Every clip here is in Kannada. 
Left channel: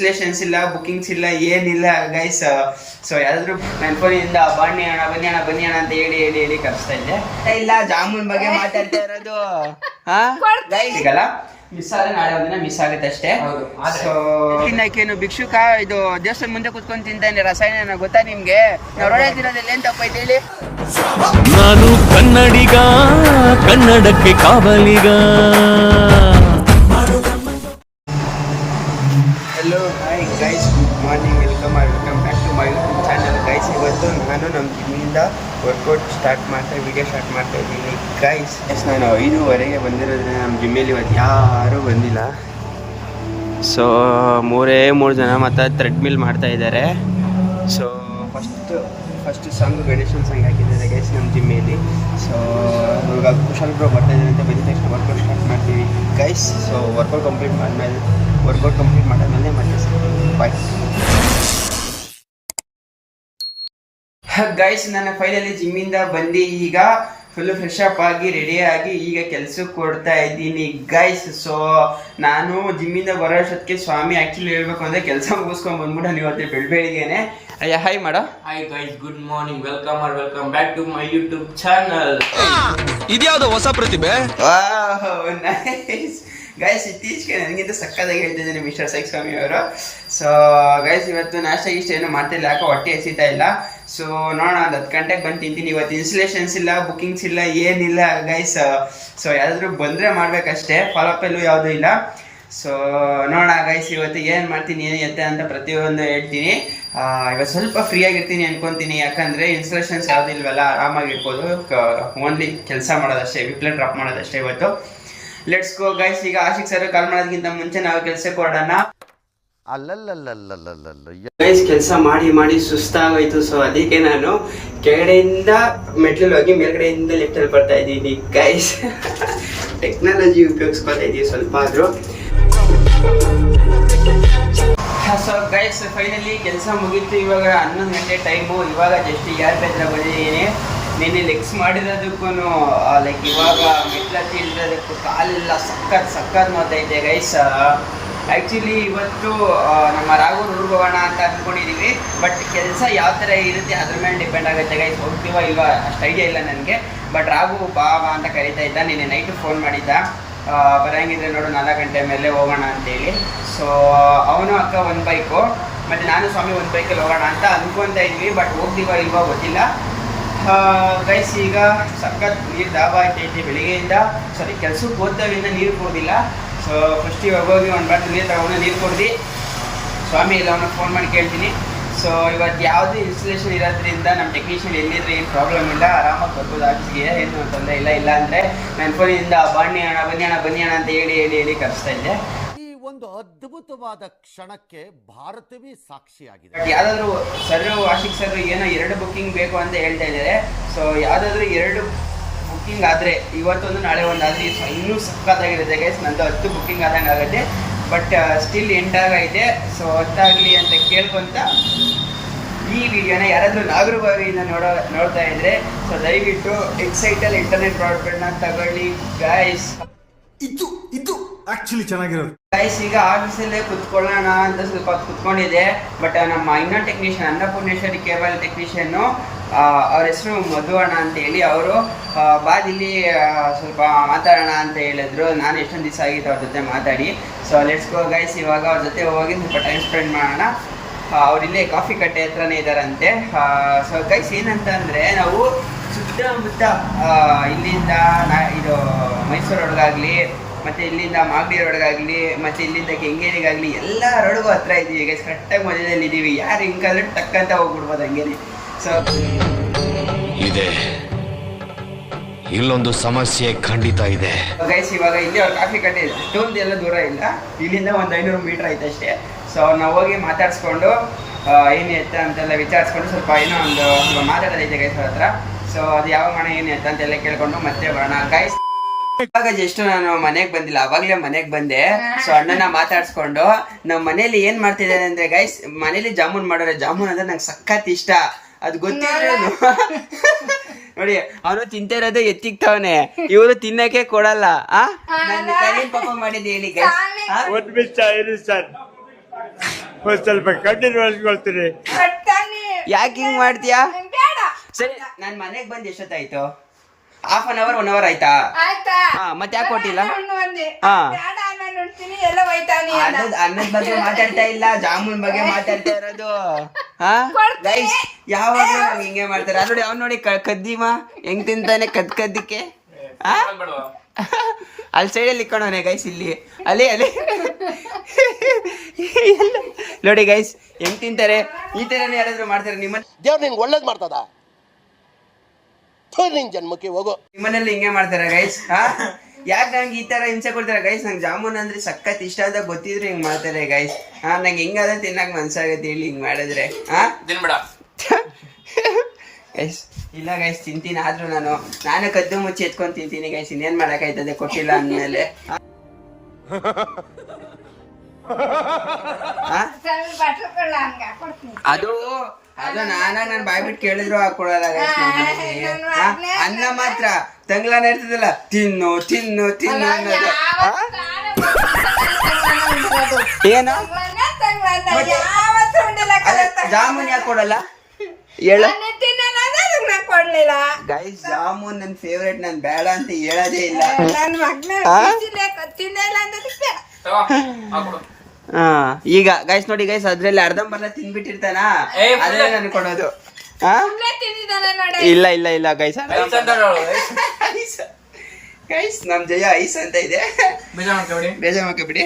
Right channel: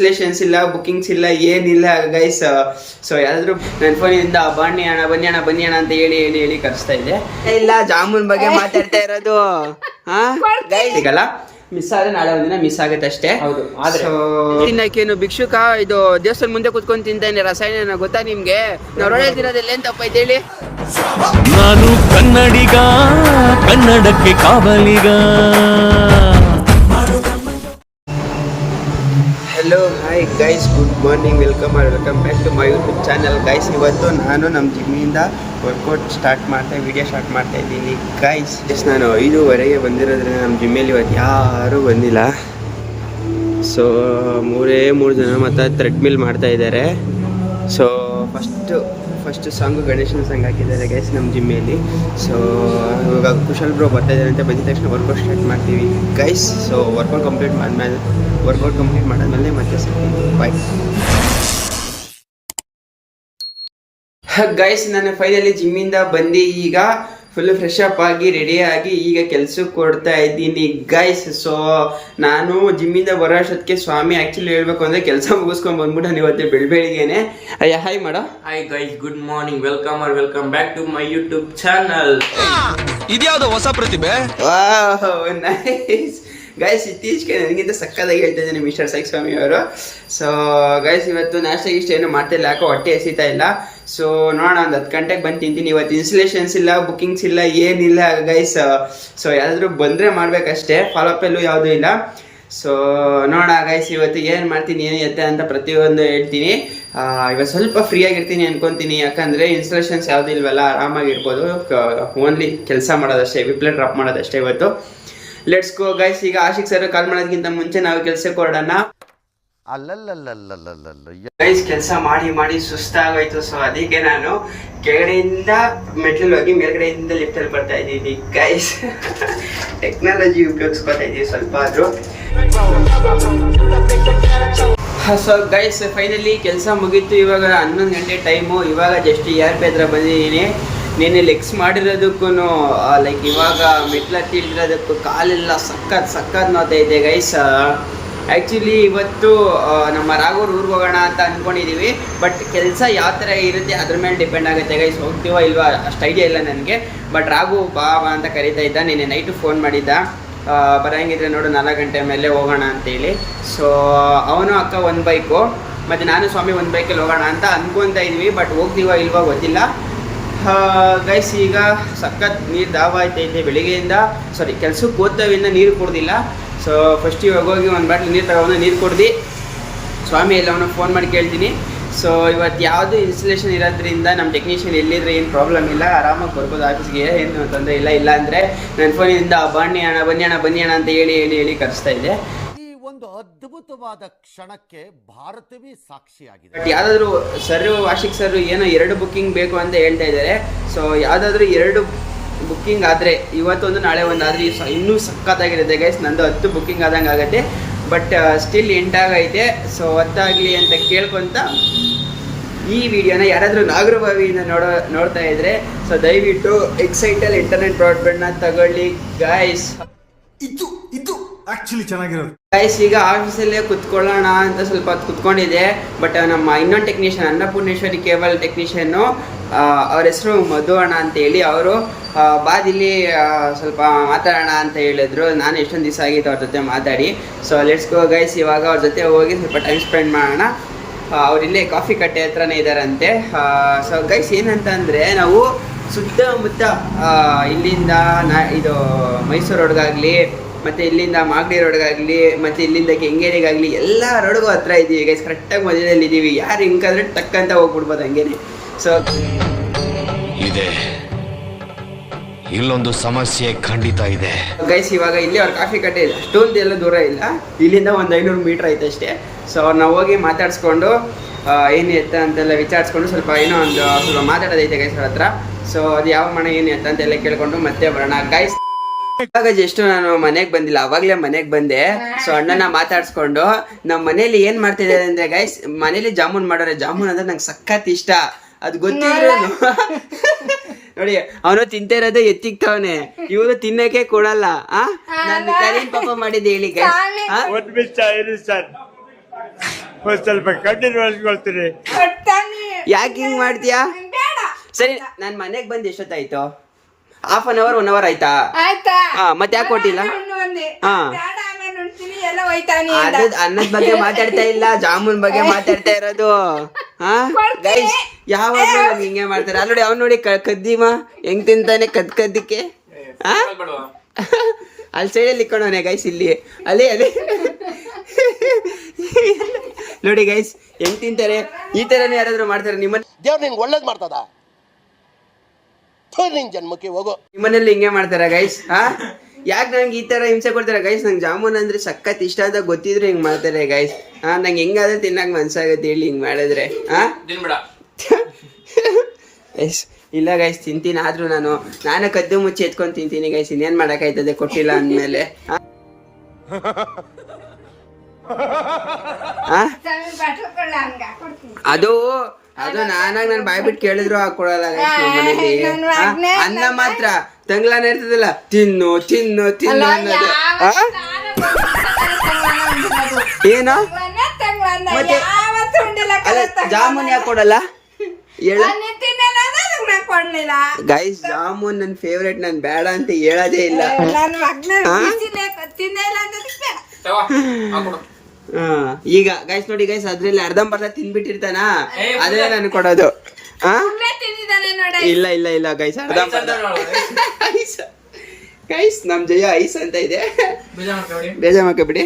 ಇನ್ಸ್ಟಾಲೇಷನ್ಸ್ ಇಲ್ಲ, ಬುಕಿಂಗ್ಸ್ ಇಲ್ಲ, ಏನಿಲ್ಲ ಗೈಸ್. ಸೊ ಯಾರಾದ್ರೂ ನನ್ನ ಫೋನಿಂದ ಬನ್ನಿ ಅಣ್ಣ ಅಂತ ಹೇಳಿ ಕರೆಸ್ತಾ ಇದೆ. ಇಲ್ಲ ಜಾಮೂನ್ ಬಗ್ಗೆ ಮಾತಾಡ್ತಾ ಇರೋದು. ಸಿಗಲ್ಲ, ಮಿಸ್ ಆದ್ರೆ ನಾಳೆ ಒಂದಿನ ಮಿಸ್ ಆಗುತ್ತೆ ಅಷ್ಟೇ. ತಿನ್ನಕ್ಕೇನು ಭಿಕ್ಷುಕ ಇದು ದೇವಸ್ಥಾನ ಮುಂದೆ ಕುತ್ಕೊಂಡು ತಿಂತಾನೆ ರಸಾಯನ ಗೊತ್ತಾ ನಿಮ್ಗೆ? ನಾವು ರೋಡಲ್ಲಿ ತಿನ್ನೋದಿಲ್ಲ ಏನ್ ತಪ್ಪೈತೆ ಹೇಳಿ? ನಾನು ಕನ್ನಡಿಗ, ಕನ್ನಡಕ್ಕೆ ಕಾವಲಿಗ. Hello hi guys, good morning, welcome back to my YouTube channel guys. ಇವತ್ತು ನಾನು ನಮ್ಮ ಜಿಮ್ಮಿಂದ ವರ್ಕೌಟ್ ವಿಡಿಯೋ ಸ್ಟಾರ್ಟ್ ಮಾಡ್ತಾ ಇದ್ದೀನಿ ಗೈಸ್. ನಾನು 5:15 ಬಂದಿರೋದ್ರಿಂದ ನಮ್ಮ ಜಿಮ್ಮಲ್ಲಿ ಇವತ್ತು ಯಾರೂ ಬಂದಿಲ್ಲ. ಸೊ 3 ಜನ ಮತ್ತು ಥ್ರೆಡ್ಮಿಲ್ ಮಾಡ್ತಾ ಇದ್ದಾರೆ. ಸೊ ಫಸ್ಟ್ ಸಾಂಗು ಗಣೇಶನ ಸಾಂಗ್ ಹಾಕಿದ್ದಾರೆ ಗೈಸ್ ನಮ್ಮ ಜಿಮ್ಮಲ್ಲಿ. ಸೊ ಇವಾಗ ಕುಶಲ್ ಬ್ರೋ ಬರ್ತಾ ಇದ್ದಾರೆ ಅಂತ ಬಂದಿದ ತಕ್ಷಣ ವರ್ಕೌಟ್ ಸ್ಟಾರ್ಟ್ ಮಾಡ್ತೀವಿ ಗೈಸ್. ಸೊ ವರ್ಕೌಟ್ ಕಂಪ್ಲೀಟ್ ಮಾಡಾದ್ಮೇಲೆ ಮತ್ತೆ ಸಿಗ್ತೀವಿ. Bye guys. ನಾನು ಫೈನಲಿ ಜಿಮ್ಮಿಂದ ಬಂದು ಈಗ ಫುಲ್ ಫ್ರೆಶ್ ಅಪ್ ಆಗಿ ರೆಡಿಯಾಗಿ ಈಗ ಕೆಲ್ಸಕ್ಕೆ ಕೊಡ್ತಾ ಇದ್ದೀನಿ ಗೈಸ್. ಸೊ ನಾನು ಜಿಮ್ಮಿಂದ ಬರೋ ಅಷ್ಟೊತ್ತಿಗೆ ಸ್ವಾಮಿ ಆ್ಯಕ್ಚುಲಿ ಹೇಳ್ಬೇಕು ಅಂದರೆ ಕೆಲಸ ಮುಗಿಸ್ಕೊಂಡು ಬಂದ್ಬಿಟ್ಟು ನಾನು ಇವತ್ತು ಬೆಳಗ್ಗೆನೆ ಹಾಯ್ ಮಾಡೋ. Hi guys, good morning, welcome back to my YouTube channel. ಇದ್ಯಾವುದು ಹೊಸ ಪ್ರತಿಭೆ? Nice guys. ಇತ್ತೀಚೆಗೆ ನನಗಿಂತ ಸಕ್ಕದಾಗಿ ಹೇಳ್ತಾ ಇದ್ದೀನಿ ಮಿಸ್ಟರ್ ಸೈಕ್ ಸ್ವಾಮಿ ಅವರು. ಸೊ ಗೈಸ್ ಇವತ್ತು ನಾಷ್ಟ ಏನು ಮಾಡ್ತಿಲ್ಲ, ಯಾಕೋ ಹೊಟ್ಟೆ ಎಸಿತಾ ಇಲ್ಲ. ಸೊ ನೋಡೋಣ, ಒಂದು 10 ಗಂಟೆಗೆ ಬಂದು ತಿಂತೀನಿ. ಇವತ್ತು ಇನ್ಸ್ಟಾಲೇಷನ್ಸ್ ಇಲ್ಲ, ಬುಕಿಂಗ್ಸ್ ಇಲ್ಲ, ಏನಿಲ್ಲ ಗೈಸ್. ಸೊ ಯಾರಾದರೂ ಬಂದರೆ ಮಾಡಬೇಕಷ್ಟೇ, ಫಾಲೋಅಪ್ಪಲ್ಲೂ ಯಾವುದೂ ಇಲ್ಲ. ಸೊ ನೋಡೋಣ ಗೈಸ್, ಇವತ್ತು ಏನು ಮಾಡ್ತೀನಿ ಏನು ಎತ್ತೆ ಅಂತ ಪ್ರತಿಯೊಂದು ಹೇಳ್ತೀನಿ. ಇವತ್ತು ಸ್ವಲ್ಪ ಫ್ರೀ ಆಗಿರ್ತೀನಿ ಅನ್ಕೊತೀನಿ, ಯಾಕಂದರೆ ಇನ್ಸ್ಟಾಲೇಷನ್ಸ್ ಯಾವುದೂ ಇಲ್ವಲ್ಲ, ಆರಾಮಾಗಿರ್ಬೋದು. ಓನ್ಲಿ ಕೆಲಸ ಮಾಡೋದಷ್ಟೇ, ರಿಪ್ಲೈ ಡ್ರಾಪ್ ಮಾಡೋದಷ್ಟೇ ಇವತ್ತು. Let's go guys. ಈಗ ಆಶಿಕ್ ಸರ್ ಕಾಲ್ ಮಾಡೋದಕ್ಕಿಂತ ಮುಂಚೆ ನಾವು ಕೆಲಸಕ್ಕೆ ಹೊರಡೋಣ. ಗೈಸ್ ಕೆಲಸ ಮಾಡಿ ಸುಸ್ತಾಗೋಯ್ತು. ಸೊ ಅದಕ್ಕೆ ನಾನು ಕೆಳಗಡೆಯಿಂದ ಮೆಟ್ಲಲ್ಲಿ ಹೋಗಿ ಮೇಲ್ಗಡೆಯಿಂದ ಲಿಫ್ಟಲ್ಲಿ ಬರ್ತಾ ಇದ್ದೀನಿ ಗೈಸ್. ಟೆಕ್ನಾಲಜಿ ಉಪಯೋಗಿಸ್ಕೊತಾ ಇದ್ದೀವಿ ಸ್ವಲ್ಪ ಆದರೂ. ಸೊ ಗೈಸ್ ಫೈನಲಿ ಕೆಲಸ ಮುಗೀತು. ಇವಾಗ 11 ಗಂಟೆ ಟೈಮು. ಇವಾಗ ಜಸ್ಟ್ ERP ಹತ್ರ ಬಂದಿದ್ದೀನಿ. ನಿನ್ನೆ ಲೆಗ್ಸ್ ಮಾಡಿರೋದಕ್ಕೂ ಲೈಕ್ ಇವಾಗ ಮೆಟ್ಲತ್ತಿ ಇಳಿರೋದಕ್ಕೂ ಕಾಲೆಲ್ಲ ಸಕ್ಕತ್ ನೋತೈತೆ ಗೈಸ್. ಆ್ಯಕ್ಚುಲಿ ಇವತ್ತು ನಮ್ಮ ರಾಘವ್ರ ಊರಿಗೆ ಹೋಗೋಣ ಅಂತ ಅಂದ್ಕೊಂಡಿದ್ದೀವಿ. ಬಟ್ ಕೆಲಸ ಯಾವ ಥರ ಇರುತ್ತೆ ಅದ್ರ ಮೇಲೆ ಡಿಪೆಂಡ್ ಆಗುತ್ತೆ ಗೈಸ್. ಹೋಗ್ತೀವ ಇಲ್ವಾ ಅಷ್ಟು ಐಡಿಯಾ ಇಲ್ಲ ನನಗೆ. ಬಟ್ ರಾಘು ಬಾ ಅಂತ ಕರೀತಾ ಇದ್ದ. ನಿನ್ನೆ ನೈಟು ಫೋನ್ ಮಾಡಿದ್ದ, ಬರೋಂಗಿದ್ರೆ ನೋಡು 4 ಗಂಟೆ ಮೇಲೆ ಹೋಗೋಣ ಅಂತೇಳಿ. ಸೊ ಅವನು ಅಕ್ಕ ಒಂದು ಬೈಕು ಮತ್ತು ನಾನು ಸ್ವಾಮಿ ಒಂದು ಬೈಕಲ್ಲಿ ಹೋಗೋಣ ಅಂತ ಅಂದ್ಕೊತಾ ಇದ್ವಿ. ಬಟ್ ಹೋಗ್ತೀವ ಇಲ್ವಾ ಗೊತ್ತಿಲ್ಲ ಗೈಸ್. ಈಗ ಸಖತ್ ನೀರು ದಾವ ಆಯ್ತೈತೆ ಬೆಳಿಗ್ಗೆಯಿಂದ. ಕೆಲ್ಸಕ್ಕೆ ಹೋಗ್ತಾವಿಂದ ನೀರು ಕುಡ್ದಿಲ್ಲ. ಸೊ ಫಸ್ಟ್ ಇವಾಗ ಹೋಗಿ ಒಂದು ಬಾಟ್ಲು ನೀರು ತಗೊಂಡು ನೀರು ಕುಡ್ದು ಸ್ವಾಮಿ ಎಲ್ಲ ಅವನು ಫೋನ್ ಮಾಡಿ ಕೇಳ್ತೀನಿ. ಸೊ ಇವತ್ತು ಯಾವುದು ಇನ್ಸ್ಟಾಲೇಷನ್ ಇರೋದ್ರಿಂದ ನಮ್ಮ ಟೆಕ್ನಿಷಿಯನ್ ಎಲ್ಲಿದ್ರೆ ಏನು ಪ್ರಾಬ್ಲಮ್ ಇಲ್ಲ, ಆರಾಮಾಗಿ ಬರ್ಬೋದು ಆಫೀಸ್ಗೆ, ಏನು ತೊಂದರೆ ಇಲ್ಲ ಅಂದರೆ ನನ್ನ ಫೋನಿಂದ ಬನ್ನಿ ಅಣ್ಣ ಅಂತ ಹೇಳಿ ಕರೆಸ್ತಾ ಇದೆ. ಒಂದು ಅದ್ಭುತವಾದ ಕ್ಷಣಕ್ಕೆ ಭಾರತವೇ ಸಾಕ್ಷಿಯಾಗಿದೆ. ಬಟ್ ಯಾವುದಾದ್ರೂ ಆಶಿಕ್ ಸರ್ ಏನೋ 2 ಬುಕ್ಕಿಂಗ್ ಬೇಕು ಅಂತ ಹೇಳ್ತಾ ಇದ್ದಾರೆ. ಸೊ ಯಾವುದಾದ್ರೂ 2 ಬುಕ್ಕಿಂಗ್ ಆದರೆ ಇವತ್ತೊಂದು ನಾಳೆ ಒಂದು ಆದರೆ ಇನ್ನೂ ಸಖತ್ತಾಗಿರುತ್ತೆ ಗೈಸ್. ನಂದು 10 ಬುಕ್ಕಿಂಗ್ ಆದಂಗೆ ಆಗುತ್ತೆ. ಬಟ್ ಸ್ಟಿಲ್ 8 ಆಗೈತೆ. ಸೊ 10 ಆಗಲಿ ಅಂತ ಕೇಳ್ಕೊತ ಈ ವಿಡಿಯೋನ ಯಾರಾದರೂ ನಾಗರಬಾವಿಯಿಂದ ನೋಡ್ತಾ ಇದ್ರೆ ಸೊ ದಯವಿಟ್ಟು ಎಕ್ಸೈಟಲ್ ಇಂಟರ್ನೆಟ್ ಬ್ರಾಡ್ಬ್ಯಾಂಡ್ನ ತಗೊಳ್ಳಿ ಗೈಸ್. ಇದು ಆಕ್ಚುಲಿ ಚೆನ್ನಾಗಿರೋದು ಗೈಸ್. ಈಗ ಆಫೀಸಲ್ಲೇ ಕುತ್ಕೊಳ್ಳೋಣ ಅಂತ ಸ್ವಲ್ಪ ಹೊತ್ತು ಕುತ್ಕೊಂಡಿದೆ. ಬಟ್ ನಮ್ಮ ಇನ್ನೊಂದು ಟೆಕ್ನಿಷಿಯನ್ ಅನ್ನಪೂರ್ಣೇಶ್ವರಿ ಕೇಬಲ್ ಟೆಕ್ನಿಷಿಯನ್ನು, ಅವ್ರ ಹೆಸರು ಮಧು ಅಣ್ಣ ಅಂತೇಳಿ, ಅವರು ಬಾದಿಲ್ಲಿ ಸ್ವಲ್ಪ ಮಾತಾಡೋಣ ಅಂತ ಹೇಳಿದ್ರು. ನಾನು ಎಷ್ಟೊಂದು ದಿವಸ ಆಗಿತ್ತು ಅವ್ರ ಜೊತೆ ಮಾತಾಡಿ. So let's go guys. ಇವಾಗ ಅವ್ರ ಜೊತೆ ಹೋಗಿ ಸ್ವಲ್ಪ ಟೈಮ್ ಸ್ಪೆಂಡ್ ಮಾಡೋಣ. ಅವರಿಲ್ಲೇ ಕಾಫಿ ಕಟ್ಟೆ ಹತ್ರನೇ ಇದ್ದಾರಂತೆ. ಸೊ ಗೈಸ್ ಏನಂತ ಅಂದರೆ, ನಾವು ಸುತ್ತಮುತ್ತ ಇಲ್ಲಿಂದ ಇದು ಮೈಸೂರು ರೋಡ್ಗಾಗಲಿ ಮತ್ತು ಇಲ್ಲಿಂದ ಮಾಗಡಿ ರೋಡ್ಗಾಗಲಿ ಮತ್ತು ಇಲ್ಲಿಂದ ಕೆಂಗೇರಿಗಾಗಲಿ ಎಲ್ಲ ರೋಡ್ಗೂ ಹತ್ರ ಇದ್ದೀವಿ ಗೈಸ್. ಕರೆಕ್ಟಾಗಿ ಮಧ್ಯದಲ್ಲಿ ಇದ್ದೀವಿ. ಯಾರು ಹಿಂಗಾದ್ರೆ ಟಕ್ಕಂತ ಹೋಗ್ಬಿಡ್ಬೋದು ಹಂಗೇನೆ. ಸೊ ಇದೆ ಇಲ್ಲೊಂದು ಸಮಸ್ಯೆ ಖಂಡಿತ ಇದೆ ಗೈಸ್. ಇವಾಗ ಇಲ್ಲಿ ಅವ್ರ ಕಾಫಿ ಕಟ್ಟೆ ಇದೆ, ಅಷ್ಟೊಂದು ಎಲ್ಲ ದೂರ ಇಲ್ಲ, ಇಲ್ಲಿಂದ ಒಂದು 500 ಮೀಟ್ರ್ ಐತೆ ಅಷ್ಟೇ. ಸೊ ನಾವು ಹೋಗಿ ಮಾತಾಡಿಸ್ಕೊಂಡು ಏನು ಎತ್ತ ಅಂತೆಲ್ಲ ವಿಚಾರಿಸ್ಕೊಂಡು ಸ್ವಲ್ಪ ಸ್ವಲ್ಪ ಮಾತಾಡೋದೈತೆ ಗೈಸ್ ಅವ್ರ ಹತ್ರ. ಸೊ ಅದು ಯಾವ ಮನೆ ಏನು ಎತ್ತ ಅಂತೆಲ್ಲ ಕೇಳ್ಕೊಂಡು ಮತ್ತೆ ಬರೋಣ ಗೈಸ್. ಇವಾಗ ಜಸ್ಟ್ ನಾನು ಮನೆಗೆ ಬಂದಿಲ್ಲ, ಅವಾಗಲೇ ಮನೆಗೆ ಬಂದೆ. ಸೊ ಅಣ್ಣನ ಮಾತಾಡ್ಸ್ಕೊಂಡು ನಮ್ಮ ಮನೇಲಿ ಏನು ಮಾಡ್ತಿದ್ದಾರೆ ಅಂದರೆ ಗೈಸ್, ಮನೇಲಿ ಜಾಮೂನ್ ಮಾಡೋರೆ. ಜಾಮೂನ್ ಅಂದರೆ ನಂಗೆ ಸಖತ್ ಇಷ್ಟ, ಅದು ಗೊತ್ತಿದ್ರು ನೋಡಿ. ಅವನು ತಿಂತಿರೋದು ಎತ್ತಿಕ್ತವನೆ, ಇವರು ತಿನ್ನಕ್ಕೆ ಕೊಡಲ್ಲ. ನಾನೇನ್ ಪಾಪ ಮಾಡಿದ್ದೆ ಹೇಳಿ ಗೈಸ್? ಒಂದ್ ಸ್ವಲ್ಪ ಕಣ್ಣೀರು ಒರೆಸ್ಕೊಳ್ತೀನಿ. ಯಾಕೆ ಹಿಂಗ್ ಮಾಡ್ತೀಯಾ? ಬೇಡ ಸರಿ, ನಾನ್ ಮನೆಗ್ ಬಂದ್ ಎಷ್ಟೊತ್ತಾಯ್ತು? 1/2 1 ಅವರ್ ಆಯ್ತಾ? ಆಯ್ತಾ? ಹಾ, ಮತ್ತೆ ಯಾಕೆ ಕೊಟ್ಟಿಲ್ಲ? ಹಣ್ಣು ಅಂದೆ. ಹಾ. ಬೇಡ ಆಮೇಲೆ ಉಣ್ತೀನಿ, ಎಲ್ಲ ಹೋಯ್ತಾನೆ ಅಂದ. ಅನ್ನದ ಬಗ್ಗೆ ಮಾತಾಡ್ತಾ ಇಲ್ಲ, ಜಾಮೂನ್ ಬಗ್ಗೆ ಮಾತಾಡ್ತಾ ಇರೋದು. ಹಾ ಗೈಸ್, ಯಾವಾಗ್ಲೂ ನನ್ಗೆ ಹಿಂಗೆ ಮಾಡ್ತಾರೆ. ಅದು ನೋಡಿ, ಅವ್ನು ನೋಡಿ ಕದ್ದಿಮ ಹೆಂಗ್ ತಿಂತಾನೆ ಕದ್ದಿಕ್ಕೆ. ಹಾ, ಅಲ್ಲಿ ಸೈಡಲ್ಲಿ ಇಕ್ಕೊಂಡವನೆ ಗೈಸ್, ಇಲ್ಲಿ ಅಲ್ಲಿ ನೋಡಿ ಗೈಸ್ ಹೆಂಗ್ ತಿಂತಾರೆ. ಈ ತರನೇ ಯಾರಾದ್ರೂ ಮಾಡ್ತಾರೆ ನಿಮ್ಮಲ್ಲಿ? ದೇವ್ರು ನಿನ್ಗೆ ಒಳ್ಳೇದು ಮಾಡ್ತದ, ನಿನ್ ಜನ್ಮಕ್ಕೆ ಹೋಗೋ. ನಿಮ್ಮನೇಲಿ ಹಿಂಗೆ ಮಾಡ್ತಾರ ಗೈಸ್? ಹಾ, ಯಾಕೆ ನಂಗೆ ಈ ತರ ಹಿಂಸೆ ಕೊಡ್ತಾರೆ ಗೈಸ್? ನಂಗೆ ಜಾಮೂನ್ ಅಂದ್ರೆ ಸಖತ್ ಇಷ್ಟ ಅಂತ ಗೊತ್ತಿದ್ರೆ ಹಿಂಗ್ ಮಾಡ್ತಾರೆ ಗೈಸ್. ಹಾ, ನಂಗೆ ಹೆಂಗಾದ್ರೆ ತಿನ್ನಕ್ ಮನ್ಸಾಗತ್ತೆ ಹೇಳಿ ಹಿಂಗ್ ಮಾಡಿದ್ರೆ. ಹಾ ಗೈಸ್, ಇಲ್ಲ ಗೈಸ್, ತಿಂತೀನಿ. ಆದ್ರೂ ನಾನು ಕದ್ದು ಮುಚ್ಚಿ ಎತ್ಕೊಂಡು ತಿಂತೀನಿ ಗೈಸ್. ಇನ್ನೇನ್ ಮಾಡಕ್ಕಾಯ್ತದೆ ಕೊಟ್ಟಿಲ್ಲ ಅಂದ್ಮೇಲೆ. ಬಟ್ಲುಕೊಳ್ಳ ಹಂಗ ಕೊಡ್ತೀನಿ. ಅದು ನಾನಾಗ ನಾನು ಬಾಯ್ ಬಿಟ್ಟು ಕೇಳಿದ್ರು ಹಾಕೊಡಲ್ಲ ಗೈಸ್ ನಮ್ಮ ಮನೇಲಿ. ಅನ್ನ ಮಾತ್ರ ತಂಗ್ಲಾನ ಇರ್ತದಲ್ಲ, ತಿನ್ನು ತಿನ್ನು ತಿನ್ನು ಅನ್ನೋದು. ಏನು ಮತ್ತೆ ಅಲ್ಲ, ಜಾಮೂನ್ ಯಾಕೆ ಕೊಡಲ್ಲ ಹೇಳ ಕೊಡ್ಲಿಲ್ಲ ಗೈಸ್? ಜಾಮೂನ್ ನನ್ ಫೇವ್ರೇಟ್, ನನ್ ಬೇಡ ಅಂತ ಹೇಳೋದೇ ಇಲ್ಲ. ನನ್ನ ಮಗ್ನ ತಿಂದಿಲ್ಲ ಅನ್ನೋದಕ್ಕೆ ಹಾ, ಈಗ ಗೈಸ್ ನೋಡಿ ಗೈಸ್, ಅದ್ರಲ್ಲಿ ಅರ್ಧಂಬರ್ಧ ತಿನ್ಬಿಟ್ಟಿರ್ತಾನ, ಅದೇ ನನ್ ಕೊಡೋದು. ತಿಂದಿದ್ದಾನೆ ನೋಡಿ. ಇಲ್ಲ ಇಲ್ಲ ಇಲ್ಲ ಗೈಸ್, ಗೈಸ್ ನಮ್ ಜಯ ಐಸ್ ಅಂತ ಇದೆ, ಬೇಜಾರ್ ಮಾಡ್ಕೊಬಿಡಿ.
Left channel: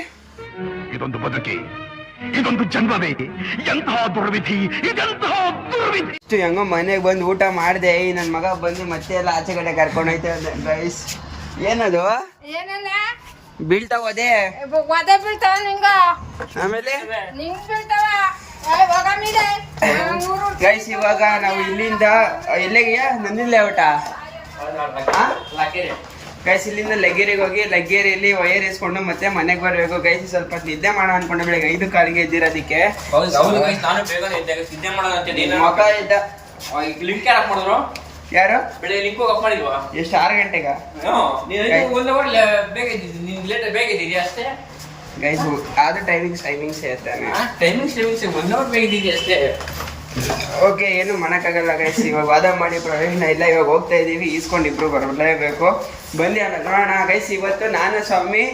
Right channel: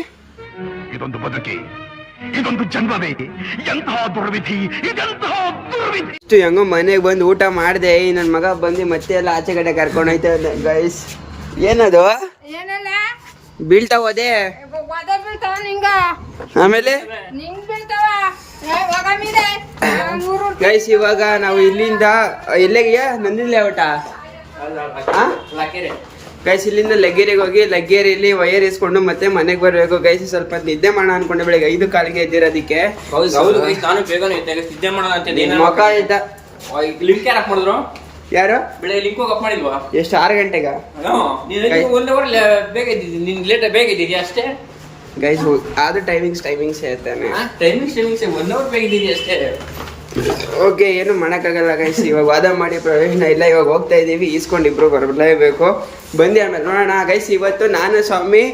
ಇದೊಂದು ಬದುಕಿ, ಇದೊಂದು ಜನ್ಮವೇ, ಎಂತಹ ದುರ್ವಿಧಿ, ಇದೆಂತಹ ದುರ್ವಿಧಿ. ಇಷ್ಟು ಹೆಂಗೋ ಮನೆಗೆ ಬಂದು ಊಟ ಮಾಡಿದೆ. ನನ್ ಮಗ ಬಂದು ಮತ್ತೆ ಎಲ್ಲ ಆಚೆ ಕಡೆ ಕರ್ಕೊಂಡೋಯ್ತ ಗೈಸ್. ಏನದು ಏನಲ್ಲ ಬೀಳ್ತಾ ಹೋದೆ? ಒದೆ ಬೀಳ್ತಾವ ನಿಂಗ, ಆಮೇಲೆ ನಿಂಗ್ ಬೀಳ್ತಾವ. ಗೈಸ್ ಇವಾಗ ನಾವು ಇಲ್ಲಿಂದ ಎಲ್ಲಿಗೆಯ ನಂದಿಲ್ಲ ಊಟ ಗೈಸ್, ಇಲ್ಲಿಂದ ಲಗ್ಗೇರಿಗೆ ಹೋಗಿ ಲಗ್ಗೇರಿಯಲ್ಲಿ ವಯರ್ ಇಸ್ಕೊಂಡು ಮತ್ತೆ ಮನೆಗೆ ಬರ್ಬೇಕು ಗೈಸ್. ಸ್ವಲ್ಪ ನಿದ್ದೆ ಮಾಡೋಣ ಅನ್ಕೊಂಡೆ, ಬೆಳಿಗ್ಗೆ 5 ಕಾಲಿಗೆ ಎದ್ದಿರೋದಿಕ್ಕೆ. ಮೊಕ ಇದ್ದ ಲಿಂಕ್ ಯಾರು ಮಾಡಿದ್ರು? ಯಾರು ಬೆಳೆ ಲಿಂಕ್ ಹೋಗಿ ಅಪ್ ಮಾಡಿಲ್ವಾ? ಎಷ್ಟು 6 ಗಂಟೆಗ ಬೇಗ ಇದ್ದೀರಿ ಅಷ್ಟೇ ಗೈಸ್. ಅದು ಟೈಮಿಂಗ್ಸ್ ಇರ್ತಾನೆ. ಟೈಮಿಂಗ್ಸ್ 1 ಅವರ್ ಬೇಗ ಇದ್ದೀರಿ ಅಷ್ಟೇ. ಓಕೆ, ಏನು ಮಾಡೋಕ್ಕಾಗಲ್ಲ ಗೈಸ್. ಇವಾಗ ವಾದ ಮಾಡಿ ಪ್ರಯೋಜನ ಇಲ್ಲ. ಇವಾಗ ಹೋಗ್ತಾ ಇದೀವಿ, ಈಸ್ಕೊಂಡು ಇಬ್ರು ಬರಲೇಬೇಕು. ಬಂದು ಆಮೇಲೆ ನೋಡೋಣ ಗೈಸ್. ಇವತ್ತು ನಾನು ಸ್ವಾಮಿ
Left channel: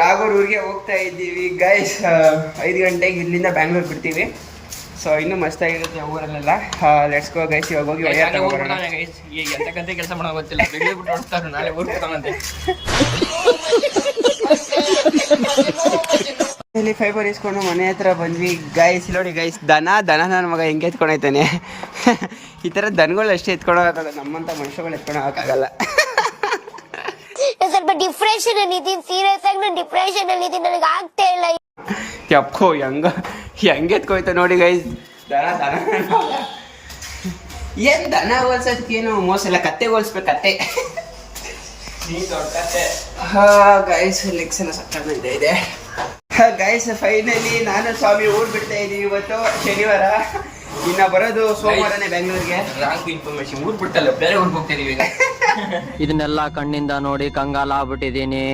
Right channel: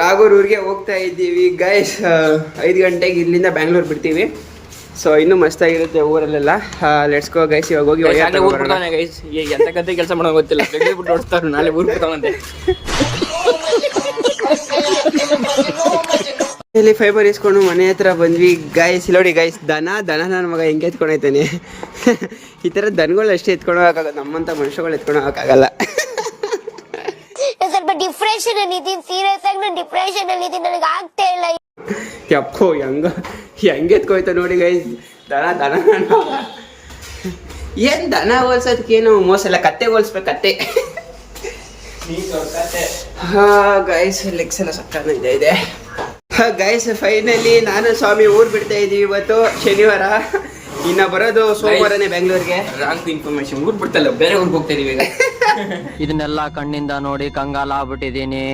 ರಾಘೂರೂರಿಗೆ ಹೋಗ್ತಾ ಇದ್ದೀವಿ ಗೈಸ್. 5 ಗಂಟೆಗೆ ಇಲ್ಲಿಂದ ಬ್ಯಾಂಗ್ಳೂರ್ ಬಿಡ್ತೀವಿ. ಸೊ ಇನ್ನೂ ಮಸ್ತಾಗಿರುತ್ತೆ ಊರಲ್ಲೆಲ್ಲ. Let's go guys. ಇವಾಗ ಹೋಗಿ ವಯರ್ ತಗೊಂಡ್ಬರೋಣ. ಎಂತ ಕೆಲಸ ಮಾಡೋ ಗೊತ್ತಿಲ್ಲ, ಬೆಂಗಳೂರು ಓಡಿಸ್ತಾರೆ, ನಾಳೆ ಊರ್ ತಗೊಂಡೆ. ಇಲ್ಲಿ ಫೈಬರ್ ಇಸ್ಕೊಂಡು ಮನೆ ಹತ್ರ ಬಂದ್ವಿ ಗೈಸ್. ನೋಡಿ ಗೈಸ್, ದನ ನನ್ನ ಮಗ ಹೆಂಗೆ ಎತ್ಕೊಂಡೋಯ್ತಾನೆ. ಈ ಥರ ದನಗಳು ಅಷ್ಟೇ ಎತ್ಕೊಂಡೋಗಕ್ಕಾಗಲ್ಲ, ನಮ್ಮಂಥ ಮನುಷ್ಯಗಳು ಎತ್ಕೊಂಡೋಗಕ್ಕಾಗಲ್ಲ. ಸ್ವಲ್ಪ ಡಿಪ್ರೆಷನ್ ಅಲ್ಲಿ ಇದೀನಿ, ಸೀರಿಯಸ್ ಆಗಿ ನಾನು ಡಿಪ್ರೆಷನ್ ಅಲ್ಲಿ ಇದೀನಿ, ನನಗೆ ಆಗ್ತಾ ಇಲ್ಲ. ಯಪ್ಪೋ, ಹೆಂಗೆ ಎತ್ಕೋಯ್ತ ನೋಡಿ ಗೈಸ್. ದನ ಏನ್ ದನ ಹೋಲ್ಸೋದಕ್ಕೇನು ಮೋಸ ಇಲ್ಲ, ಕತ್ತೆ ಹೋಲ್ಸ್ಬೇಕು, ಕತ್ತೆ. ಗೈಸ್ ಲೆಗ್ಸ್ ಎಲ್ಲ ಸಕ್ಕತ್ತಾಗಿದೆ ಇದೆ. ಗೈಸ್ ಫೈನಲಿ ನಾನು ಸ್ವಾಮಿ ಊರ್ ಬಿಡ್ತಾ ಇದೀವಿ. ಇವತ್ತು ಶನಿವಾರ, ಇನ್ನ ಬರೋದು ಸೋಮವಾರನೇ ಬೆಂಗಳೂರಿಗೆ. ರಾಂಗ್ ಇನ್ಫಾರ್ಮೇಶನ್, ಊರ್ ಬಿಡ್ತಲ್ಲ, ಬೇರೆ ಊರಿಗೆ ಹೋಗ್ತಾ ಇದೀವಿ ಈಗ. ಇದನ್ನೆಲ್ಲ ಕಣ್ಣಿಂದ ನೋಡಿ ಕಂಗಾಲ ಆಗ್ಬಿಟ್ಟಿದೀನಿ.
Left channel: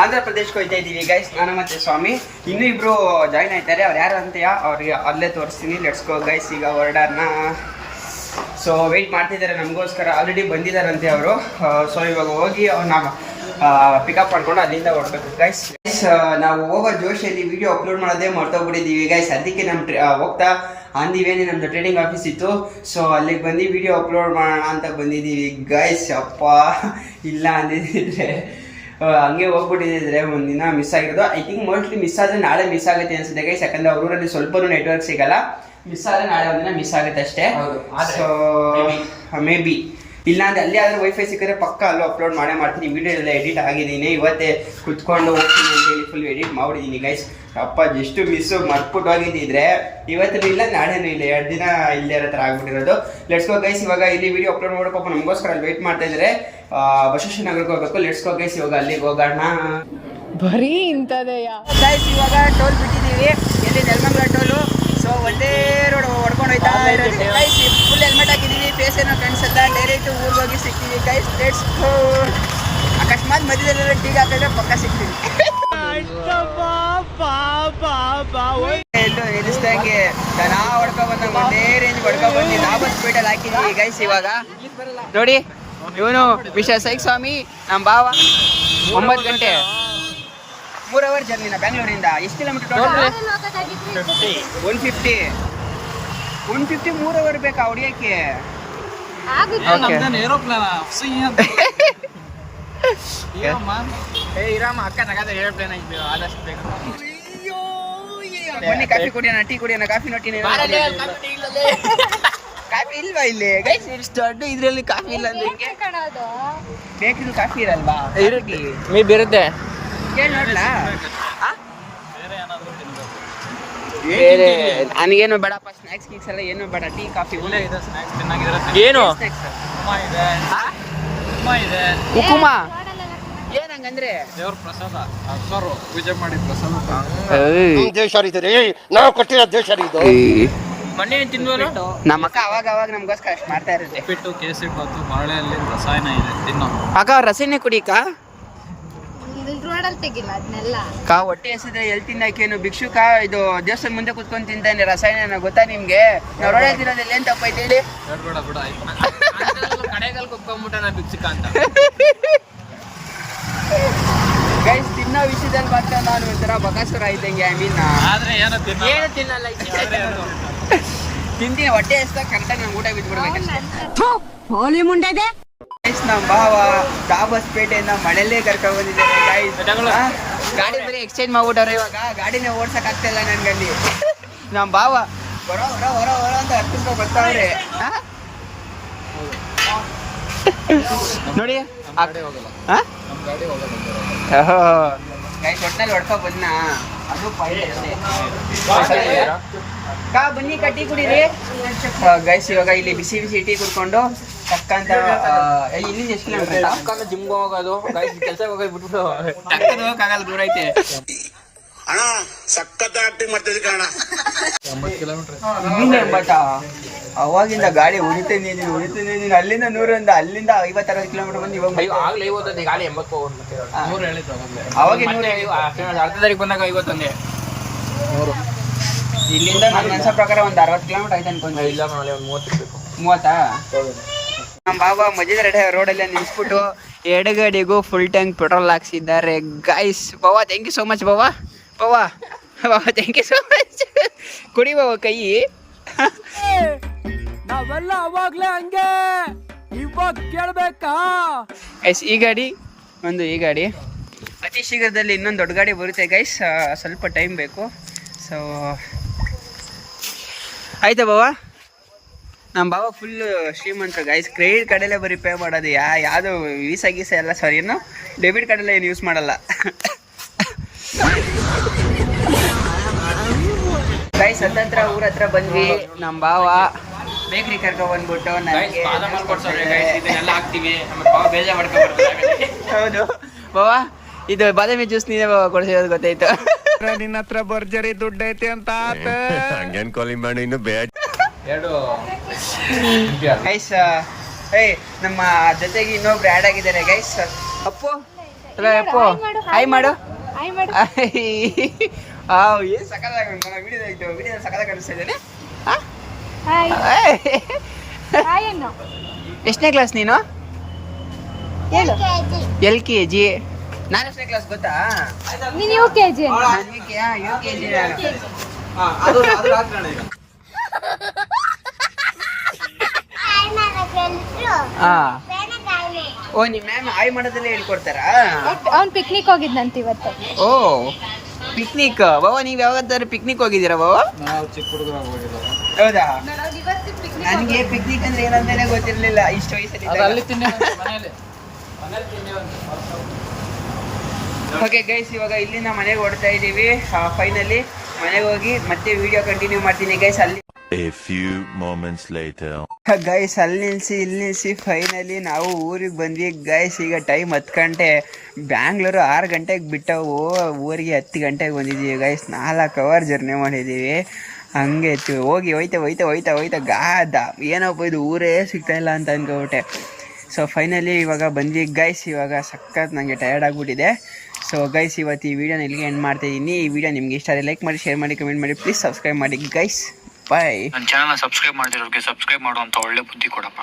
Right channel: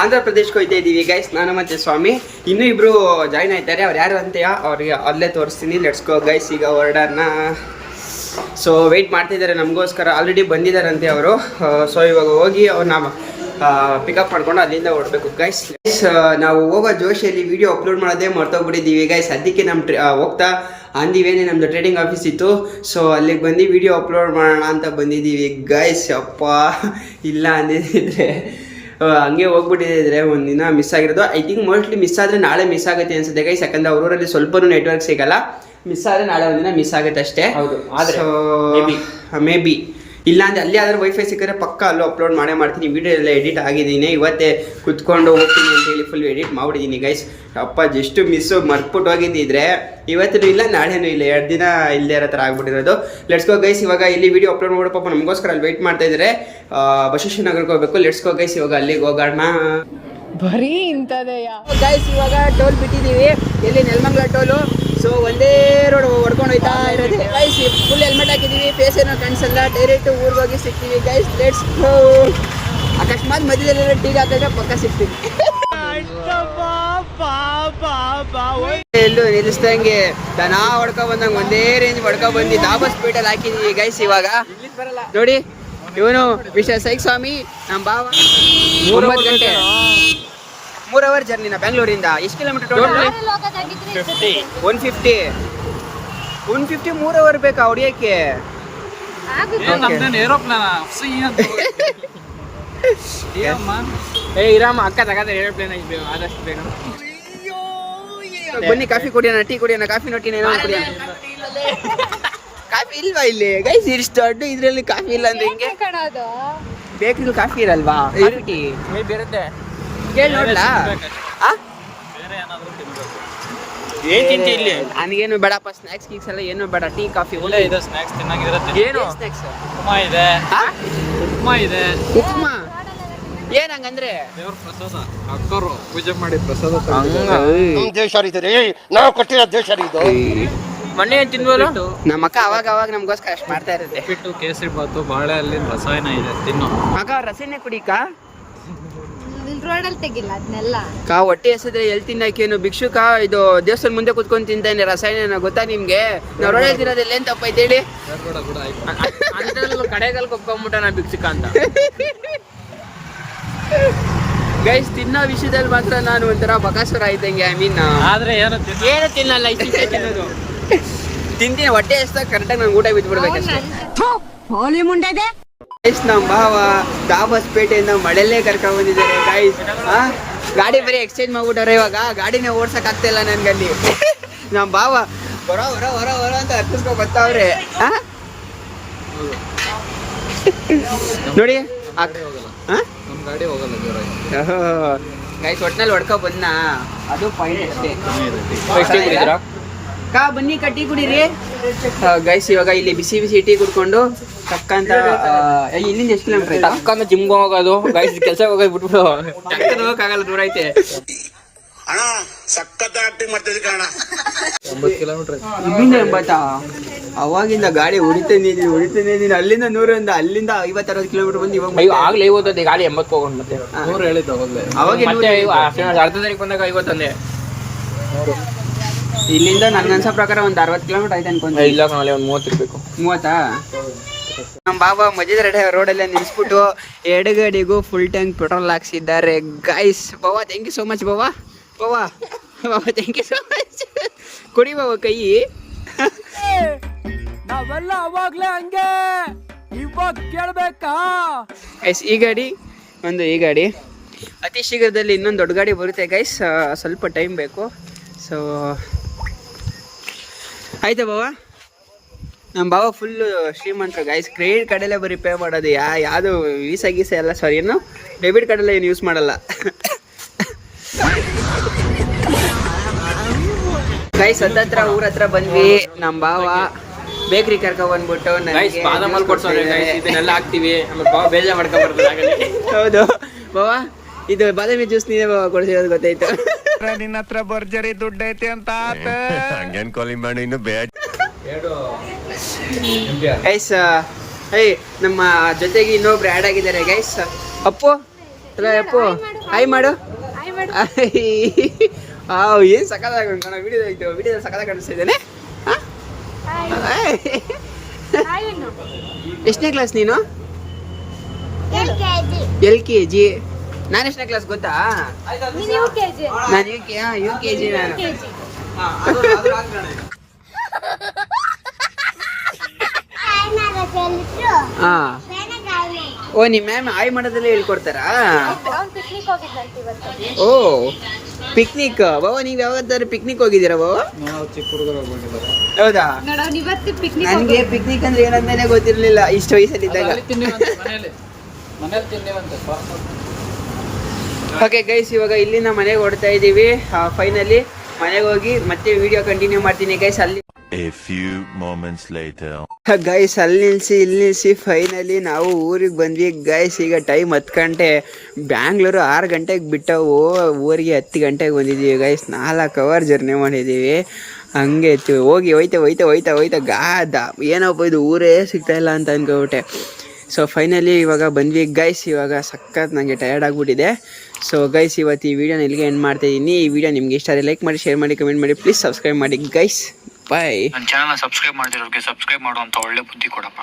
ಆಂಧ್ರ ಪ್ರದೇಶಕ್ಕೆ ಹೋಗ್ತಾ ಇದೀವಿ ಗೈಸ್, ನಾನು ಮತ್ತೆ ಸ್ವಾಮಿ. ಇನ್ನೂ ಇಬ್ರು ಜಾಯ್ನ್ ಆಯ್ತಾರೆ. ಅವ್ರು ಯಾರು ಅಂತೆಯಾ ಅವ್ರಿಗೆ ಅಲ್ಲೇ ತೋರಿಸ್ತೀನಿ. Let's go guys. ಈಗ ಹೊರಡೋಣ. ಸೊ ವೆಯ್ಟ್ ಮಾಡ್ತಿದ್ದಾರೆ ನಮಗೋಸ್ಕರ, ಆಲ್ರೆಡಿ ಬಂದಿದ್ದಾರಂತೆ ಅವರು. ಸೊ ಇವಾಗ ಹೋಗಿ ಅವ್ರನ್ನ ಪಿಕಪ್ ಮಾಡ್ಕೊಂಡು ಅಲ್ಲಿಂದ ಹೊರಡಬೇಕು ಗೈಸ್. ನಾವು ಹೋಗೋ ಜೋಶಿಯಲ್ಲಿ ವಿಡಿಯೋ ಅಪ್ಲೋಡ್ ಮಾಡೋದೇ ಮರ್ತೋಗ್ಬಿಟ್ಟಿದ್ದೀವಿ ಗೈಸ್. ಅದಕ್ಕೆ ಹೋಗ್ತಾ ಅಂದಿವೇನೆ ನಮ್ಮದು ಟ್ರೇಡಿಂಗ್ ಆಫೀಸ್ ಇತ್ತು. ಸೊ ಅಲ್ಲಿಗೆ ಬಂದು ವಿಡಿಯೋ ಅಪ್ಲೋಡ್ ಮಾಡೋಣ ಅಂತ ಬಂದಿದ್ದೀವಿ ಗೈಸ್. ಅಪ್ಪ ಇಲ್ಲ ಅಂದಿದ್ದರೆ ಹಂಗೆ ಹೋಗ್ಬಿಟ್ಟಿದ್ರೆ ಒಂದಿನ ಮಿಸ್ ಆಗಿರೋದು. ಐ ಥಿಂಕ್ ಮೋಸ್ಟ್ಲಿ ಮಿಸ್ ಆದರೆ ನಾಳೆ ಮಿಸ್ ಆಗುತ್ತೆ ಅನ್ಸುತ್ತೆ ಗೈಸ್. ಯಾಕಂದರೆ ಅವ್ರೂರಲ್ಲಿ ಸ್ವಲ್ಪನೂ ನೆಟ್ವರ್ಕ್ ಸಿಗಲ್ಲ. ಮಿಸ್ ಆದರೆ ನಾಳೆ ಒಂದಿನ ಮಿಸ್ ಆಗುತ್ತೆ ಅಷ್ಟೇ. ಸೊ ಮೇ ಬಿ ಇಲ್ಲ ಅಂದರೆ ಅಲ್ಲಿ ಆದ್ರೆ ವೈಫೈ ಸಿಕ್ಕರೆ ಪಕ್ಕ ಅಲ್ಲೂ ಅಪ್ಲೋಡ್ ಮಾಡ್ತೀನಿ. ವೀಡಿಯೋ ಎಲ್ಲ ಎಡಿಟ್ ಆಗಿದ್ದೀನಿ, ಇವತ್ತೇ ಕುತ್ಕೊಂಡು ಹೋಗ್ತೀನಿ ಅಂತೇಳಿ ಫುಲ್ ಎಡಿಟ್ ಮಾಡಿದ್ದೀನಿ ಗೈಸ್. ಅಪ್ಪ ಜಸ್ಟ್ ಮಿಸ್ಸು ಮರ್ತ್ಬಿಟ್ಟು ಹೋಗಿದ್ದಿದ್ರೆ ಇವತ್ತೂ ಇಲ್ಲ ನಾಳೆನೂ ಇಲ್ಲ, 2 ದಿನ ಇಲ್ಲದೇ ಇರೋ ಥರ ಆಗ್ಬಿಟ್ಟಿರೋದು. Let's go guys. ಇವಾಗ ಇಲ್ಲಿ ವಿಡಿಯೋ ಅಪ್ಲೋಡ್ ಮಾಡೋ ಪಾಪ ನಮಗೋಸ್ಕರ ಅಲ್ಲಿ ವೆಯ್ಟ್ ಮಾಡ್ತಾ ಇದ್ದಾರೆ. ಬಸವೇಶ್ವರ ನಗರಕ್ಕೆ ಹೋಗ್ಬೇಕು. Let's go guys. ಇವಾಗ ಅಲ್ಲಿಗೆ ಹೋಗೋಣ. ಬರೀ ಇಂಥದೆಯಾ ಗೈಸ್. ಇವಾಗ ಟೋಲ್ ಬಿಟ್ಟಿದ್ದೀವಿ, ಎಲ್ಲಿ ನೆಲಮಂಗಲ ಟೋಲು. ಸೊ ಒಂದೇ ರೋಡ್ ಹೊಡ್ಕೊಂಡು ಹೋಯ್ತಾ ಇರೋದು ಗೈಸ್. ಫುಲ್ ಹೆಲ್ಮೆಟ್ ಹಾಕಿದ್ದೀವಿ, ಫೇಸ್ ಏನೋ ಕಾಣಿಸಲ್ಲ. ಡೈರೆಕ್ಟ್ ಊರಿಗೆ ಹೋಗಿ ಸಿಗ್ತೀವಿ ಗೈಸ್. Let's go. ಅಕಸ್ಮಾತ್ ಮಧ್ಯದಲ್ಲಿ ಟೀಗೆ ಹಾಕಿದ್ರೆ ಪಕ್ಕ ಸಿಗ್ತೀವಿ. ಎಲ್ಲೂ ನಿಲ್ಲಿಸ್ದಂಗೆ ದನ ಹೊಡ್ಕೊ ಬಂದಂಗೆ ಒಂದೇ ರೇಂಜ್ ಹೊಡ್ಕೊ ಬಂದು ದಾಬಸ್ ಸ್ಪೀಡಲ್ಲಿ ಹಾಕಿದ್ವಿ ಗೈಸ್. ಇವಾಗ ನೋಡಿ ಇವನು ಮಿಸ್ಟರ್ ಸೈಕ್ ಸ್ವಾಮಿ ನಮ್ಮ ಭಾವ 9 ಗಂಟೆ 3 ಅವರ್ ಜರ್ನಿನ ಬೆಂಗಳೂರಿಂದ. ಎಷ್ಟು ಕಿಲೋಮೀಟರ್ ಟೋಟಲ್? 150 3 ಅವರ್ ಬೇಕಾ ಹೊಡಿಯೋಕ್ಕೆ? ಬನ್ನಿ ಕಾಫಿ ಕುಡಿಯೋಣ, ಟೀ ಕುಡಿಯೋಣ, ಕಾಫಿ ನೋಟಿನ ಕಾಫಿ ಇಲ್ವಾ ಇಲ್ಲಿ ಗೈಸ್? ಇಷ್ಟು ದೊಡ್ಡ ಇದ್ರಲ್ಲಿ ಕಾಫಿ ಇಲ್ಲ ಅಂದ್ರೆ ಹಿಂಗೆ ಬೇಕಿದ್ರು ಕಾಫಿ ಇರಲ್ವಾ? ಟೀ ಮೇ ಬೇರುತ್ತೆ ಕೇಳಿ ನೋಡ್ಲಾ? ನನಗೇನು ಬೇಡಪ್ಪ, ಸ್ನಾಕ್ಸ್ ಗೀಕ್ಸ್ ಎಲ್ಲ ಏನು ಬೇಡ, ಟೀ ಕಾಫಿ ಏನು ಉಕ್ಕುಮ ಏನ್ ಹಂಗಂದ್ರೆ ದೇವ್ರ ಪ್ರಸಾದ ಅಕ್ಕರು ಪೂಜೆ ಮಾಡಿ ಪ್ರಸಾದ ದೇಶ ರೀ, ನಾವು ಕೊಟ್ಟಿರೋ ದೇಶ ರೀ ಇದು. ಮನೆ ತಿನ್ಬೋದು. ನಮ್ಮ ಅಕ್ಕ ಅವಾಗ ನಮ್ಗೋಸ್ಕರ ಅಷ್ಟು ಮಾಡ್ತಾ ಇರುತ್ತೆ. ಉಪ್ಪಿಟ್ಟು, ಕೇಸರಿ ಬಾತು, ಬಾಳೆ ಅಲ್ಲಿ ರಸಾಯನ ಇದೆ ತಿನ್ನೋ. ಅಕ್ಕ ರಸೀನೆ ಕುಡಿಕ ರೋಡಲ್ಲಿ ತೆಗಿಲ್ಲ ಅದನ್ನೆಲ್ಲ. ಕಾ ಹೊಟ್ಟೆ ಹೆಸದ್ರೆ ಎಲ್ಲಿ ತಿನ್ನಕೇನು ಭಿಕ್ಷುಕ ಇದು ದೇವಸ್ಥಾನ ಮುಂದೆ ಕುತ್ಕೊಂಡು ತಿಂತಾನೆ ರಸಾಯನ, ಗೊತ್ತಾ ನಿಮ್ಗೆ? ನಾವು ರೋಡಲ್ಲಿ ತಿನ್ನೋದೆಲ್ಲ ಏನ್ ತಪ್ಪೈತೆ ಹೇಳಿ? ಬಿಡ ಆಯ್ತು ಕಡೆಗಲ್ ಕೊಪ್ಕೊಂಡ್ಬಿಟ್ಟ ನಾ ಭಿಕ್ಷುಕ ಅಂತ. ಗೈಸ್ ತಿನ್ನೋ ವಿಷಯದಲ್ಲಿ ಮಾತ್ರ ನಾನು ಒಂಥರ ಬಕಾಸುರ ಇದ್ದಂಗೆ. ಐ ಮೀನ್ ಆದ್ರೆ ಏನು ತಿನ್ನಲ್ಲ, ತಿನ್ನೋದು ತಿಂತೀನಿ, ಹೊಟ್ಟೆ ಹೆಸ್ದಾಗ ಕರೆಕ್ಟಾಗಿ ನಾನು ಊಟ ಬಿದ್ಬಿಡ್ಬೇಕಷ್ಟೇ. ಗೈಸ್ ನಮ್ಮ ಭಾವ ದಾಬಸ್ಪೇಟೆಯಿಂದ ಮಳೆಲ್ಲೇ ಕರ್ಕೊಂಡ್ ಬಂದಿದ್ದಾರೆ ಗೈಸ್. ಗಾಡಿ ಬರೀ ಎಕ್ಸ್ಚೇಂಜ್ ಮಾಡ್ಬಿಟ್ಟಾರೆ ಇವಾಗ, ಗಾಡಿನೇ ಓಡ್ಸಕ್ ಆಗ್ತಾ ಇಲ್ಲ ನನ್ಗಲ್ಲಿ. ನಮ್ಮ ಭಾವ ಹೊರ ಹೊರ ಹೊರ ಹೊರ ಅಂತ ಹತ್ತಿಸ್ಕೊ ಬರ್ತಾವ್ರೆ. ನೋಡಿ ನಮ್ ಗಾಡಿ ಹೋಗಲ್ಲ ಗೈಸ್, ಒಟ್ನಲ್ಲಿ ಹೊಡ್ಕೊ ಬಂದ, ಅದು ಪಾಯಿಂಟ್ ಅಷ್ಟೇ. ಕಾ ಬನ್ನಿ ಟೀ ಕುಡೀರಿ ಗೈಸ್. ಇವಾಗ ಇಲ್ಲಿ ಬಿಸಿ ಬಿಸಿ ಟೀ ಕುಡ್ಕೊಂಡು ಟಕ್ಕಂತ ಇಲ್ಲಿಂದ ಎಷ್ಟು ಕಿಲೋಮೀಟರ್ ಆಯ್ತಾ? ಟಕ್ಕಂತ ಜಿಮ್ಗೆ ಹೋಗೋದು ಗೈಸ್, ಕೆಲಸ ಹೋಗೋದು ಬಿಟ್ಬಿಟ್ಟು ಟಕ್ಕಂತ ಹೋಗಕ್ಕಾಗಲ್ಲ, ದೂರ ಐತೆ. ಅಣ್ಣ ಸಖತ್ ಆಕ್ಟಿಂಗ್ ಮಾಡ್ತಿದ್ದೆ ಕಣ. 9 ಕಿಲೋಮೀಟರ್ ಇಲ್ಲಿಂದ 80. ಅವಾಗಿಂದ ಗಾಡಿ ಹೊಡಿತಾನೆ ಇದೀನಿ ಅಲ್ಲಿಂದ 100 ಅಲ್ಲಿಂದ 50-60 ಕಿಲೋಮೀಟರ್ ಬಂದು ಇವಾಗ ಆಗ್ಲೇ 50 ಗಾಡಿ 80 ಹೋಗೋಣ ಮತ್ತೆ 100 ಹೇಳಿದ್ದು ಅವಾಗೆ 100 ಅರ್ಧ ತಾರೀಕು ಬಂದಾಗ 50 ಅಂದೆ. ಇಲ್ಲಿಂದ ನನ್ಗೆ ಅನ್ಸೋ ಪ್ರಕಾರ ಒಂದು 60 ಕಿಲೋಮೀಟರ್ ಆಯ್ತು ಅನ್ಕೊಂಡೆ. ಇಲ್ಲ ನಾಳೆ ಒಂದು 30 ಇರ್ಬೇಕು. 30? ನಮ್ಮ ಬಾಬಾ ಮಧ್ಯದ ರೋಡಲ್ಲಿ ನಿಲ್ಸ್ಬಿಟ್ಟು ಎಡಗಡೆಗೂ ಫುಲ್ ಟ್ಯಾಂಕ್ ಪೆಟ್ರೋಲ್ ಹಾಕ್ಸಿದ್ದಾರೆ guys. Baba thank you so much Baba thank you so much. ಕುಡಿ ಬಾಬಾ ಕೈ. ನಾವೆಲ್ಲ ಅವಾಗ್ಲೇ ಹಂಗೆ, ಇವಾಗ ಕೇಳ್ಬೇಕಾ? ಗೈಸ್ ಈ ಗಾಡಿ ಅತಿ ಶೀಘ್ರದಲ್ಲಿ ಇನ್ನೊಂದು ದೊಡ್ಡ ಗಾಡಿ ಬರುತ್ತೆ ಗೈಸ್, ಸ್ವಲ್ಪ ಟೈಮ್ ಬೇಕು. ಸೊ ಆಯ್ತಾ ಬಾಬಾ? ನಮ್ಮ ಬಾಬಾ ಫುಲ್ ಶ್ರೀಮಂತರು ಗೈಸ್, ಕ್ರೆಡಿಟ್ ಕಾರ್ಡಲ್ಲೇ ಬರೀ ಪೇ ಮಾಡೋದು. ಯಾವುದು ವೀಸಾ ಗೀಸಾ ಎಲ್ಲ ಸಾರಿ ಏನು ಡೆಬಿಟ್ ಕಾರ್ಡೆಲ್ಲ ಏನು ಯೂಸ್ ಮಾಡಲ್ಲ ಗೈಸ್. ಹತ್ತತ್ರ ಊರ ಹತ್ರ ಬಂದ್ವಿ. ನಮ್ಮ ಬಾವ ಬೇಕ್ರಿ ಕರ್ಕೊ ಬಂದ್ಬಿಟ್ಟು ಇದನ್ನೆಲ್ಲ ಹಾಕ್ತಿವಿ, ಬೇಜಾರ್ ಮಾಡ್ಕೊಂಡ್ಬರ್ತಾರೆ. ಹೌದು ಬಾಬಾ, ಇದು ಬಾದಾಮಿ ಜ್ಯೂಸ್ ನೀನೇ ಬಾಬಾ ಕೊಡ್ಸಿರೋದು ಗೊತ್ತಾಯ್ತು. ನಿನ್ನ ಹತ್ರ ಭರ್ಜರಿ ದುಡ್ಡು ಐತೆ ಅಂತ ಹಂಗೇನ್ ಕಾಲಿ ಮಾಡಿ ಇನ್ನು ಬೇಡ ಗೈಸ್. ನಮ್ಮ ಜೊತೆಗೆ ಇನ್ನೊಬ್ರು ಆ್ಯಡ್ ಆಗಿದ್ದಾರೆ guys. Appu, hello Appu, hi ಮಾಡು. ಏನು ಸಕ್ಕದಾಗ ವಿಡಿಯೋ ಸಕ್ಕದಾಗ ಕಾಣಿಸ್ತಾ ಇದ್ದೇನೆ. ಎಷ್ಟನೇ ಕ್ಲಾಸ್ ನೀನು? LKG. ನಾನು ಎಷ್ಟನೇ ಕ್ಲಾಸ್ ಗೊತ್ತಾ? ನಾನು UKG. ನಾನು ಓ ನಿಮ್ಮ ಮ್ಯಾಮ್ ಆಯ್ ಮಾಡೋದಲ್ಲೇ ಹೇಳ್ಕೊಡ್ತಾರಾ? ಅವ್ನು ಪಿಕ್ನಿಕ್ ಹೋಗಿದ್ನಂತ ಇವತ್ತು. ಓ ಪಿಕ್ನಿಕ್. ಬಾಬಾ ನೀವು ಯಾವತ್ತಾದ್ರೂ ಪಿಕ್ನಿಕ್ ಹೋಗಿದ್ದೀರಾ ಬಾಬಾ? ನಾವು ಚಿಕ್ಕ ಹುಡುಗರಾಗ ಹೋಗಿಲ್ಲ. ಹೌದಾ? ನೋಡೋನು ಇವತ್ತು ಪಿಕ್ನಿಕ್. ನನಗೆ ಪಿಕ್ನಿಕ್ ಅಂದ್ರೆ ಏನಂತಾನೆ ಗೊತ್ತಿರಲಿಲ್ಲ ಇಷ್ಟು ವಯಸ್ಸಲ್ಲಿದ್ದಾಗ. ಓಕೆ ಗೈಸ್, ಇವಾಗ ಇಲ್ಲಿಂದ ಮನೆಗೆ ಹೊಡ್ತಾ ಇದ್ದೀವಿ. ಫೈನಲಿ ಮನೆಗೆ ಹೋಗಿ ಮತ್ತೆ ವಿಡಿಯೋ ಕಂಟಿನ್ಯೂ ಮಾಡ್ತೀನಿ ಗೈಸ್. ಅಲ್ಲಿ A few moments later. Guys ಅಲ್ಲಿ ನಿಲ್ಲಿಸಿ ಫೈನಲಿ ನಾವು ಊರಿಗೆ ಬಂದ್ವಿ ಗೈಸ್. ಈಗ ಟೈಮ್ 10 ಗಂಟೆ. ಬ್ಯಾಂಗ್ಳೂರು 6 ಗಂಟೆಗೆ ಬಿಟ್ಟವು, ಊರಿಗೆ 10 ಗಂಟೆಗೆ ಬಂದಿದ್ದೀವಿ ಗೈಸ್. 4 ಅವರ್ ಜರ್ನಿ ಮಾಡಿದ್ದೀವಿ. ಹಂಗೆ ಹೋಗಿ ಹೋಯ್ತಾ ಗಾದ ಏನಪ್ಪ ಇದು ಊರೇ ಸಿಗ್ತಾ ಇಲ್ಲ ಅಂತ ಅಂದ್ಕೊಬಿಟ್ಟೆ. ಸೊ ಫೈನಲಿ ಇವಾಗ ಬಂದ್ವಿ ಗೈಸ್. ಇವಾಗ ಸಖತ್ ನನಗೆ ಟಯರ್ಡ್ ಆಗಿಬಿಟ್ಟಿದೆ. ಸೊ ಗೈಸ್ ಇವತ್ತು ಈ ವಿಡಿಯೋನ ಇಲ್ಲಿಗೆ ಎಂಡ್ ಮಾಡ್ತಾ ಇದ್ದೀನಿ. ಈ ವಿಡಿಯೋ ನಿಮ್ಗೆ ಇಷ್ಟ ಆದರೆ ಲೈಕ್ ಮಾಡಿ, ಶೇರ್ ಮಾಡಿ, ಕಮೆಂಟ್ ಮಾಡಿ, ಪ್ಲೀಸ್ ಸಬ್ಸ್ಕ್ರೈಬ್ ಮಾಡಿ ಗೈಸ್. ಬಾಯ್. ನನ್ನ ಚಾನಲ್ನ ಸಬ್ಸ್ಕ್ರೈಬ್ ಮಾಡಿರೋರಿಗೆ ಸಬ್ಸ್ಕ್ರೈಬ್ ಮಾಡುವಂಥ ಒಳ್ಳೆ ಬುದ್ಧಿ ಕೊಡಪ್ಪ.